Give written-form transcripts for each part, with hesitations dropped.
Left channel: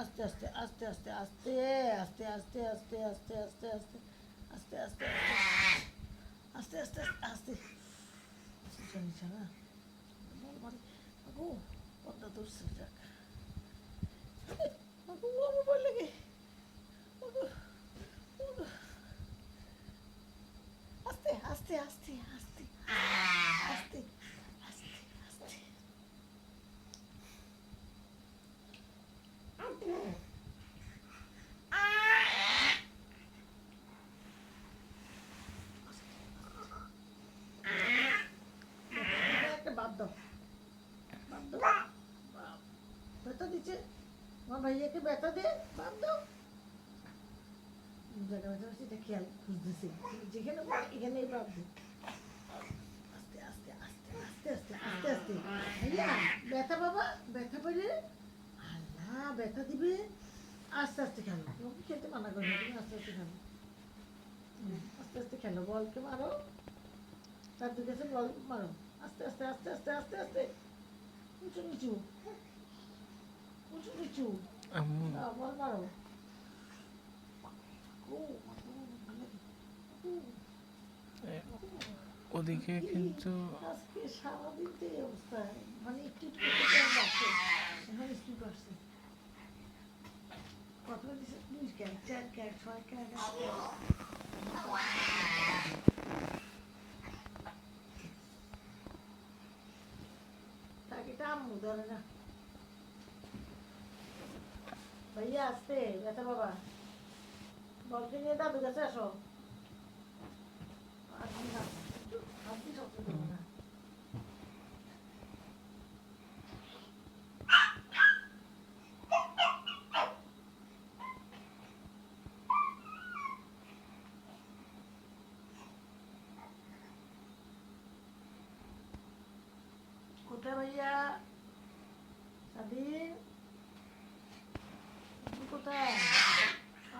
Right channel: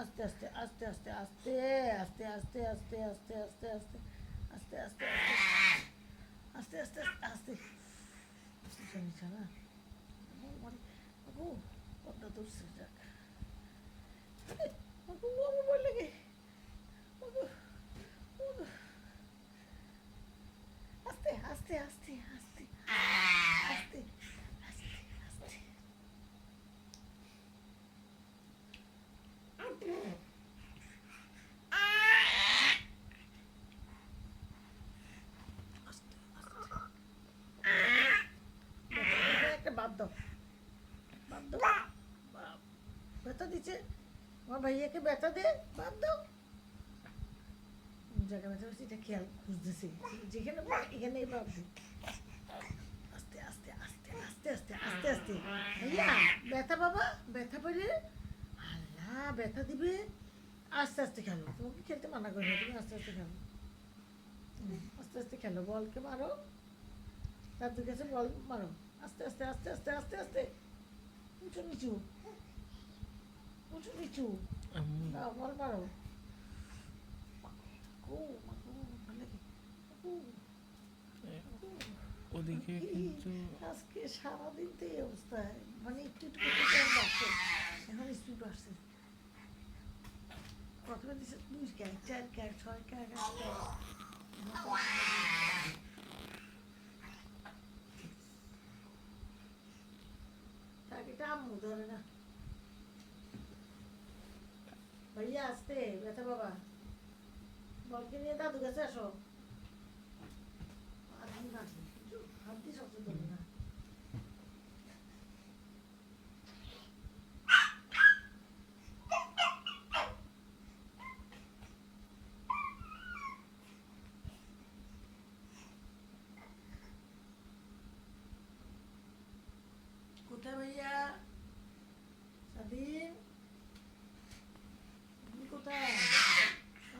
আস্তে আস্তে আস্তে আস্তে আস্তে আস্তে আস্তে আস্তে আস্তে আস্তে আস্তে আস্তে আস্তে আস্তে আস্তে আস্তে আস্তে নিচে না বল মারি মাগু পদ্মা ধরছে যাক মাগু আমার ভয় লাগে মাগু আস্তে আস্তে আস্তে আস্তে আস্তে আস্তে আস্তে একটা বাদ দাও বাদ দাও ব্যথা দিচ্ছে আমার ভাইয়াকে ব্যথা দে বাদ দাও জায়গা ব্যথা হচ্ছে এটা খেয়াল খুঁজতেছি যেখানে পড়ে এখানেই বাদ দিই আস্তে আস্তে আস্তে আস্তে আস্তে আস্তে আস্তে ভাইয়া ব্যথা বাবা ব্যথা পেলে আল্লাহ ব্যথা দিবে আস্তে আস্তে খেলো তোমাকে খেলতে মানা করি না তুমি আস্তে আস্তে খেলো আস্তে আস্তে খেলো বলকে মারো তার দুই কাছে বল মারো আস্তে আস্তে আস্তে আস্তে আস্তে আস্তে উঁচু নিচু উঁচু নিচু বল মারো ওদিকে কিন্তু আজকে সারাদিন তো এই অবস্থায় মানে একটু একটু করতে বাড়ছে এখন স্পিড বাড়ছে কতটা দিচ্ছে 2 ক্যাক 4 ক্যাক 6 ক্যাক 8 ক্যাক তাকে আম্মু ধরে না ভাইয়া আসতে ব্যথা বাবা বলকে নিয়ে দাদু কাছে আসো আর না হাত দিয়ে সবচেয়ে দেবো না কোথায় ভাইয়া স্বাধীন তুমি কোথায়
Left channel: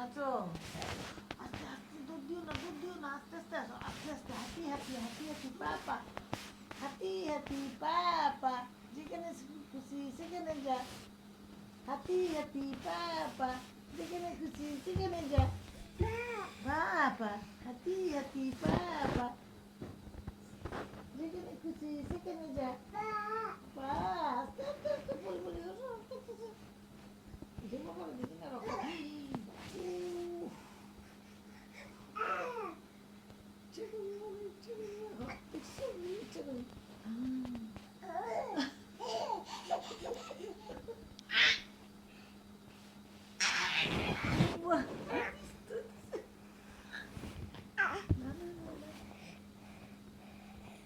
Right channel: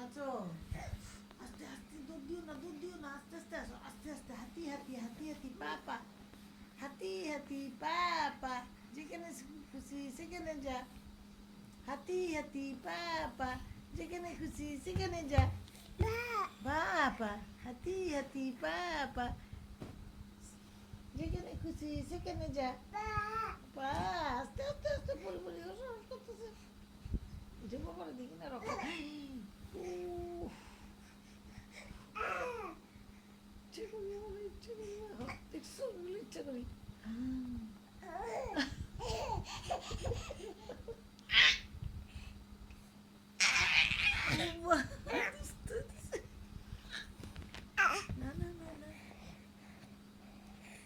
আছো আস্তে আস্তে দৌড় দিও না আস্তে আস্তে আসো আস্তে আস্তে হাঁটি হাঁটি হাঁটি হাঁটি পাপা হাঁটি হাঁটি পাপা যেখানে খুশি সেখানে যা হাঁটি হাঁটি পাপা যেখানে খুশি সেখানে যা পাপা হাঁটি হাঁটি পাপা যেখানে খুশি সেখানে যা পা আস্তে আস্তে আস্তে বলি বলি করতেছে যেমন করে দেখি না রক্ত ইচ্ছে করি